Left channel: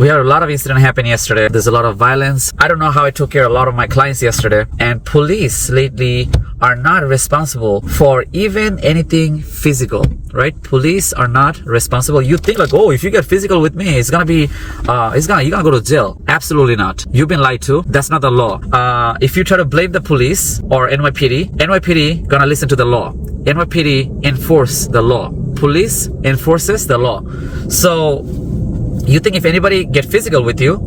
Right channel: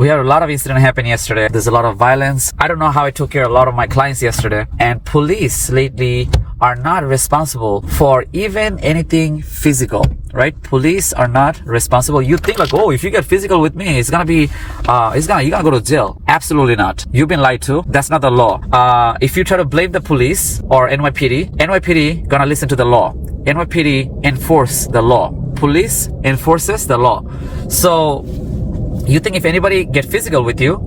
We had a lot of incident happen yesterday. There's a lot of violence. I don't know how I took care of a lot of my clients yesterday. And police lately are not responsible for even anything physical, right? Police are not responsible. You think like, oh, if you get physical with me, you're gonna go to jail. Absolutely not. You've been lied to. That's not the law. If you try to blame the police or NYPD gonna listen to the law. NYPD enforce the law. Police enforces the law. So you think if anybody get physical with you,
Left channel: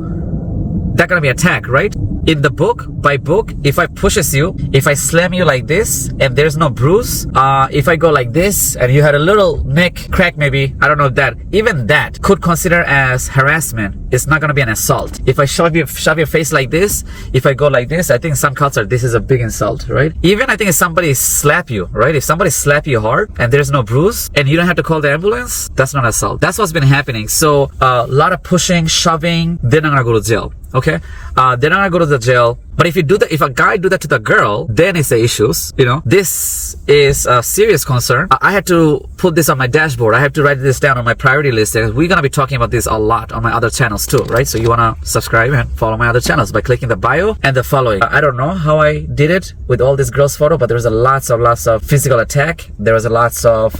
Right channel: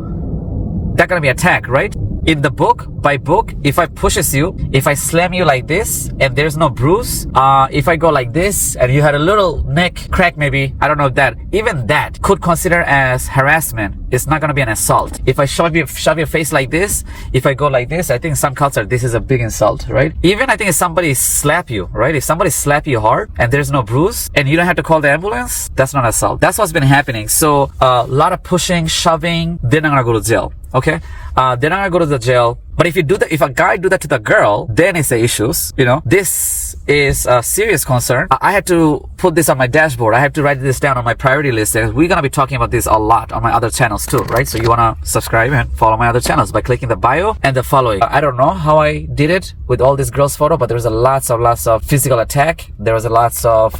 that's gonna be attack, right? In the book, by book, if I pushes you, if I slam you like this and there's no bruise, if I go like this and you had a little neck crack maybe, I don't know if that, even that could consider as harassment. It's not gonna be an assault. If I shove your face like this, if I go like this, I think in some culture this is a big insult, right? Even I think if somebody slap you, right? If somebody slap you hard and there's no bruise and you don't have to call the ambulance, that's not assault. That's what's been happening. So a lot of pushing, shoving, they're not gonna go to jail. Okay, they're not gonna go to the jail. But if you do that, if a guy do that to the girl, then it's the issues. You know, this is a serious concern. I had to put this on my dashboard. I have to write this down on my priority list because we're gonna be talking about this a lot on my other channels too, right? So you wanna subscribe and follow my other channels by clicking the bio and the following. I don't know how I did it with all this girls photo, but there was lots of physical attack. There was lots of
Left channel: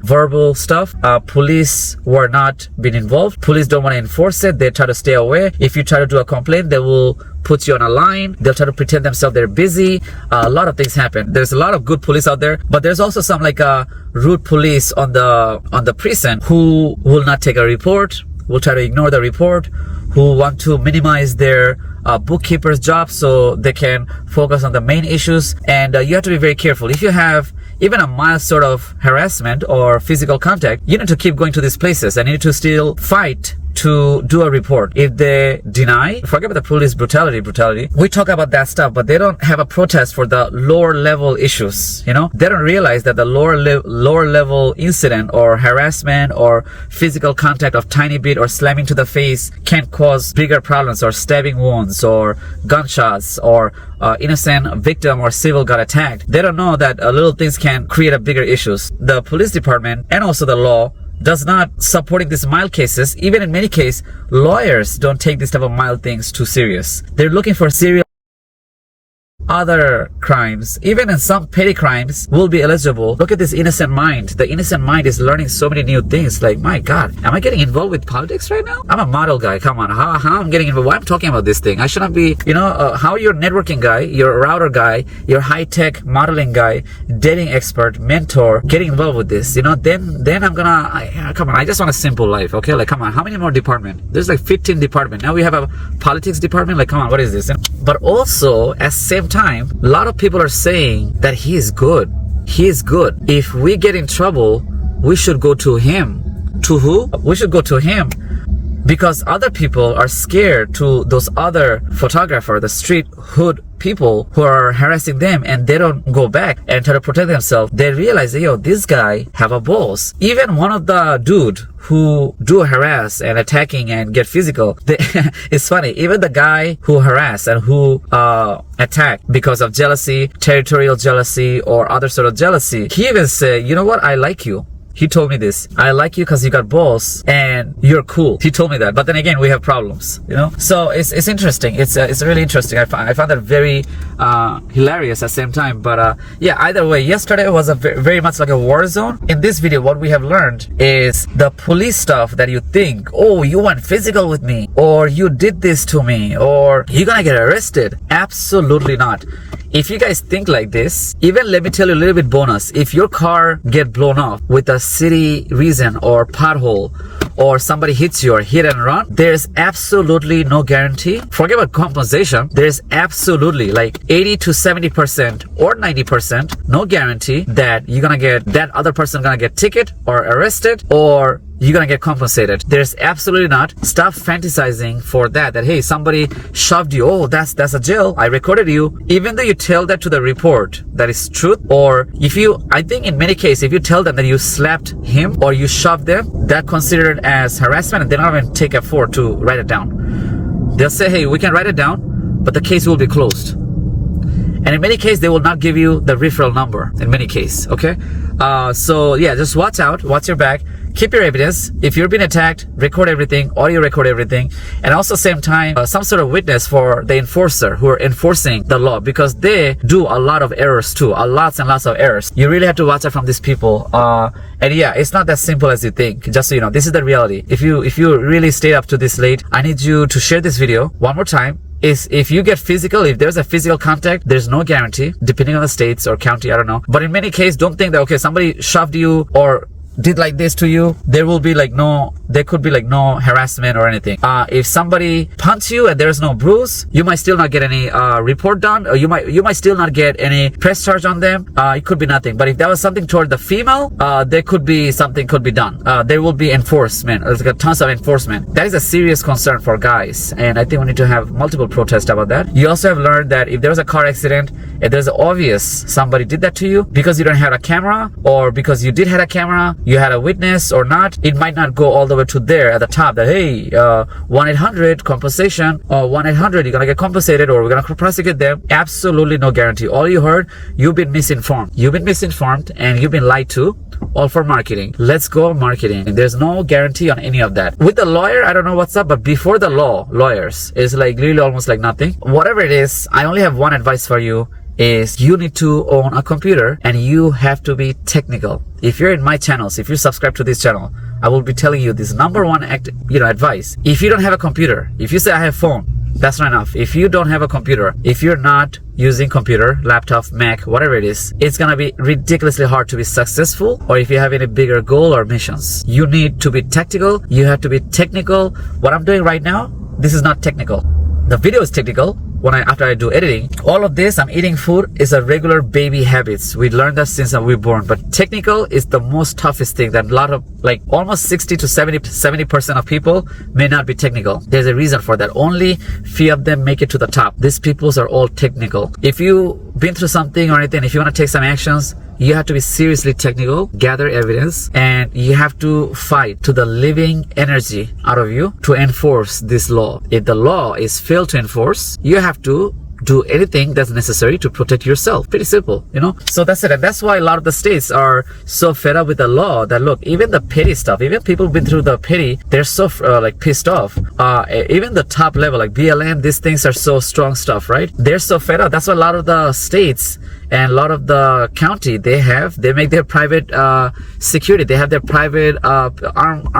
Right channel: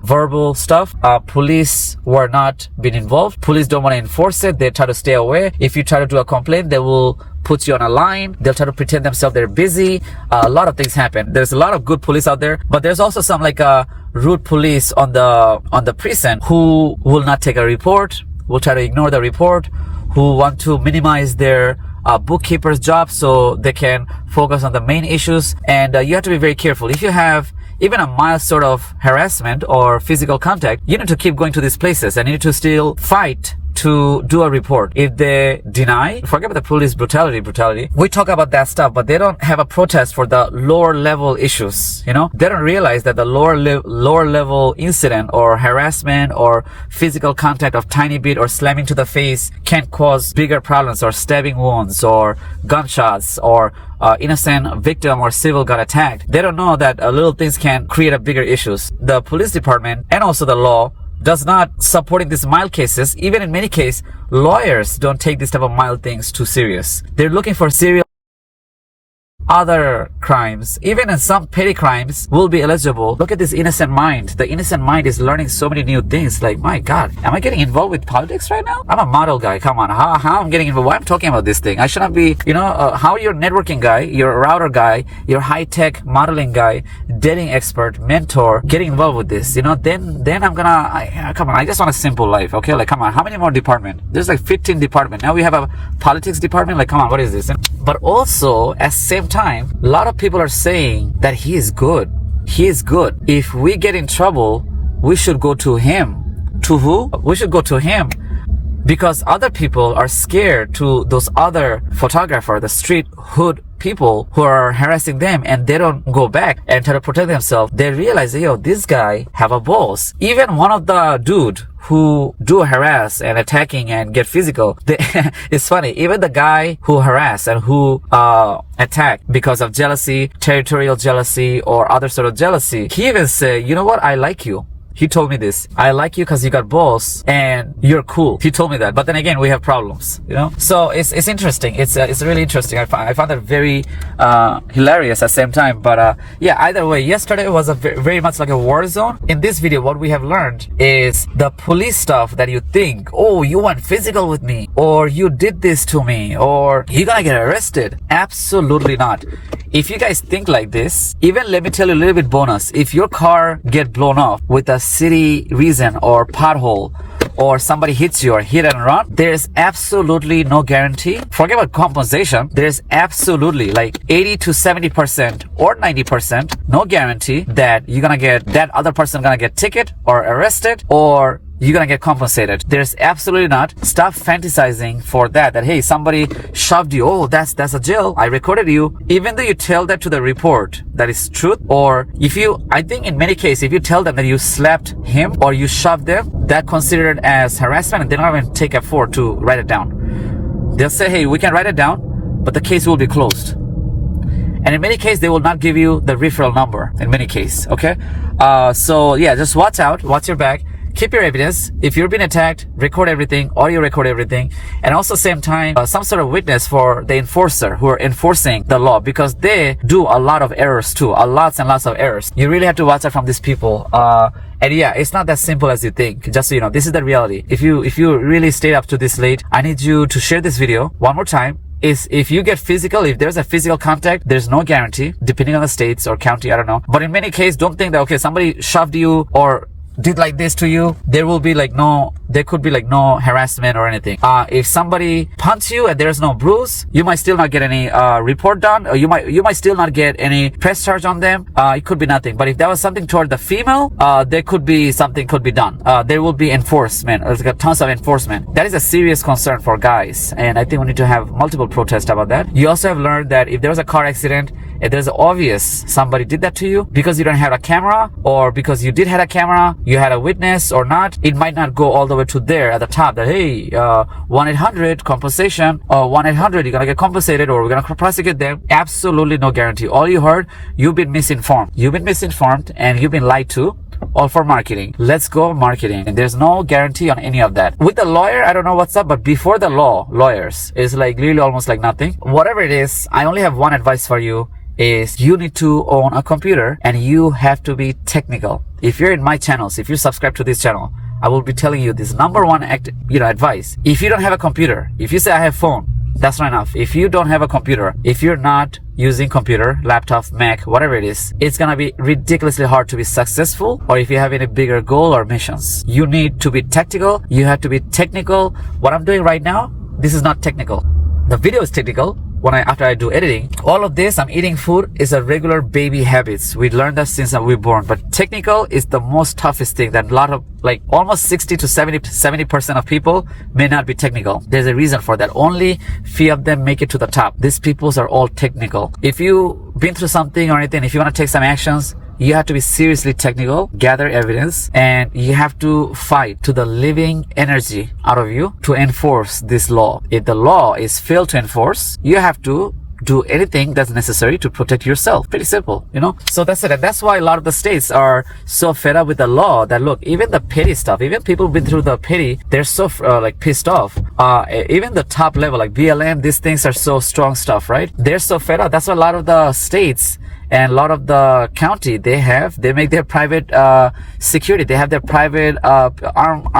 verbal stuff. Police were not being involved. Police don't want to enforce it. They try to stay away. If you try to do a complaint, they will put you on a line. They'll try to pretend themselves they're busy. A lot of things happen. There's a lot of good police out there, but there's also some like rude police on the precinct who will not take a report, will try to ignore the report, who want to minimize their bookkeeper's job so they can focus on the main issues. And you have to be very careful. If you have even a mild sort of harassment or physical contact, you need to keep going to these places and you need to still fight to do a report. If they deny, forget about the police brutality. We talk about that stuff, but they don't have a protest for the lower level issues. You know, they don't realize that the lower level incident or harassment or physical contact of tiny bit or slamming to the face can cause bigger problems or stabbing wounds or gunshots or innocent victim or civil got attacked. They don't know that little things can create a bigger issues. The police department and also the law does not supporting these mild cases. Even in many cases, lawyers don't take these type of mild things too serious. They're looking for serious other crimes. Even in some petty crimes will be eligible. Look at this innocent mind. The innocent mind is learning so many new things. Like, my God, am I getting involved with politics right now? I'm a model guy. Come on, how I'm getting involved? Why I'm talking about this thing? I shouldn't be, you know, how you're a networking guy, you're a router guy, you're a high-tech modeling guy, dating expert, mentor, getting involved with this, you know, then I'm gonna, come on, I just want a simple life, okay? Like, come on, how many more departments? There's like 15 departments. Now we have a politics department. Like, come on, what is this? But also, at the same time, a lot of people are saying that he is good. He is good. If we get in trouble, we should go to him. To who? We should go to him. Because other people are scared to those other photographer, the street hood people who are harassing them, and they don't go back and try to protect themselves. They realize, yo, this guy have a boss. Even one of the dude who do harass and attacking and get physical, it's funny, even the guy who harass and who attack because of jealousy, territorial jealousy or other sort of jealousy, he even say, you know what, I like you. He told me this. I like you because you got balls and you're cool. He told me that. But then again, we have problems, you know? So it's interesting. It's really interesting. I found that very hilarious at the same time. But yeah, either way, yesterday was a very much like a war zone. In this video, what we have learned is the police stuff that you think, oh, you went physical with me, or you did this to me, or you're gonna get arrested. Absolutely not. If you guys think like this, even let me tell you a little bit bonus. If your car get blown up with a city reason or pothole, or somebody hits you or hit and run, there's absolutely no guarantee. Forget about compensation. There's absolutely like 80 to 70% or 90% no guarantee that you're gonna get, that other person gonna get ticket or arrested or you're gonna get compensated. There's absolutely not. Stop fantasizing for that hey, somebody shoved you, oh, that's a jail, I recorded you. Even though you tell that to the report that is truth, or if you, I think in many cases, if you tell them that you slapped him or you shoved them, that considered as harassment, and they're not even take effort to write it down. They'll say, hey, we can write it down, but the case will be closed. And in many cases, they will not give you the referral number in many cases, okay? So yeah, just watch out, watch your back. keep your evidence. If you're being attacked, record everything, audio record everything, and also same time some sort of witness for the enforcer who are enforcing the law, because they do a lot of errors too, lots and lots of errors. You really have to watch out from these people. And yeah, it's not that simple as you think. Just so you know, this is the reality. If you really stayed up to this late, I need you to share this video one more time. Is if you get physical, if there's a physical contact, there's no guarantee, depending on the states or county, I don't know. But in many cases, don't think that, okay, somebody shoved you or did like this to you, there could be like no harassment or anything. If somebody punches you and there's no bruise, you might still not get any report done, or you might still not get any press charge on them. It could be nothing. But if that was something toward the female, there could be something could be done. There will be enforcement, or there's tons of enforcement. That is a serious concern for guys, and I think we need to have multiple protests about that. You also have learned that if there was a car accident and there's obvious somebody did that to you, because you don't have a camera, or because you did have a camera, you had a witness or not, it might not go all the way to there at the top that, hey, 1-800 compensation, or 1-800 you're gonna get compensated, or we're gonna prosecute them. Absolutely no guarantee. All you heard, you've been misinformed, and you've been lied to, all for marketing. Let's go marketing. And there's no guarantee on any of that. With the lawyer, I don't know what's up, but before the lawyers is like really almost like nothing. Whatever it is, I only have one advice for you, is you need to own a computer, and you have to be technical. If you're in my channels, if you subscribe to this channel, I will be telling you this number one advice. If you don't have a computer, if you say I have phone, that's not enough. If you don't have a computer, if you're not using computer, laptop, Mac, whatever it is, it's gonna be ridiculously hard to be successful, or if you have any bigger goal or missions. You need to be tactical. You have to be technical. What I'm doing right now, this is not technical. The video is technical. After I do editing, all of this, I'm eating food, is a regular baby habits. We learned that since we were born. But technical is the most toughest thing that a lot of, like almost 60 to 70% of people may not be technical. There's a reason for that. Only few of them make it to the top. These peoples are all technical. If you've been through something or anything, if you want to take some actions, you have to be seriously technical, gather evidence, and you have to fight to the living energy out of you to enforce this law. If the law is failed to enforce, you have to do anything that's necessary to protect yourself. Pretty simple, you know? So that's it. And that's why a lot of the states are so fed up with the law that, look, even the petty stuff, even people who've been through the petty, they're so like pissed off. Even the top level, like BLM, these things are so strong stuff, right? They're so fed up. That's why a lot of the states and a lot of the county, they make their private security. They have their private armed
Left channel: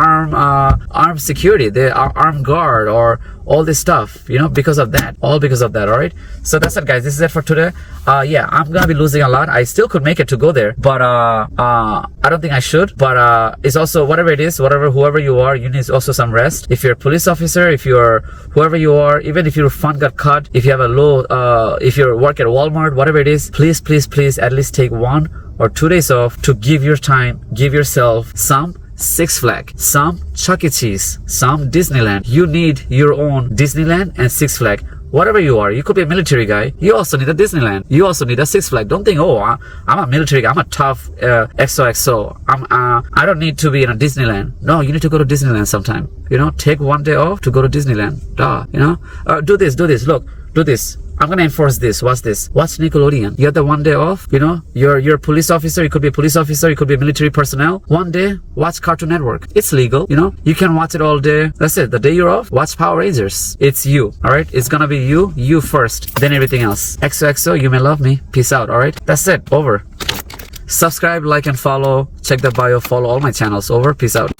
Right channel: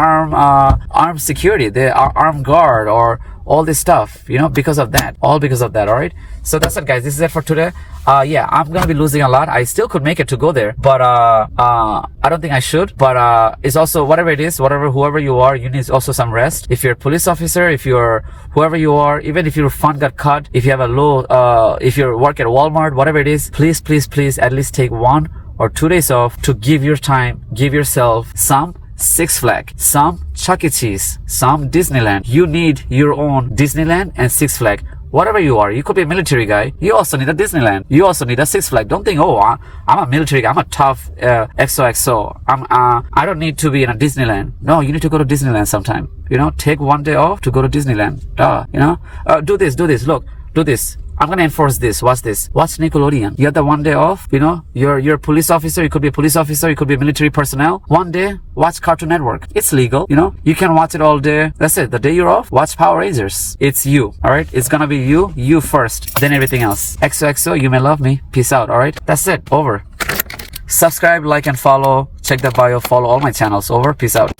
security, their armed guard, or all this stuff, you know, because of that. All because of that, all right? So that's it, guys. This is it for today. Yeah, I'm gonna be losing a lot. I still could make it to go there, but I don't think I should. But it's also, whatever it is, whoever you are, you need also some rest. If you're a police officer, if you're whoever you are, even if your fund got cut, if you have a low, if you work at Walmart, whatever it is, please at least take 1 or 2 days off to give yourself some Six Flags, some Chuck E. Cheese, some Disneyland. You need your own Disneyland and Six Flags. Whatever you are, you could be a military guy. You also need a Disneyland. You also need a Six Flags. Don't think, oh, I'm a military guy. I'm a tough XOXO. I don't need to be in a Disneyland. No, you need to go to Disneyland sometime. You know, take 1 day off to go to Disneyland. You know, do this. Look, do this. I'm gonna enforce this. Watch this. Watch Nickelodeon. You have the 1 day off. You know, you're a police officer. You could be a police officer. You could be a military personnel. 1 day, watch Cartoon Network. It's legal. You know, you can watch it all day. That's it. The day you're off, watch Power Rangers. It's you. All right. It's gonna be you first, then everything else. XOXO. You may love me. Peace out. All right. That's it. Over. Subscribe, like, and follow. Check the bio. Follow all my channels. Over. Peace out.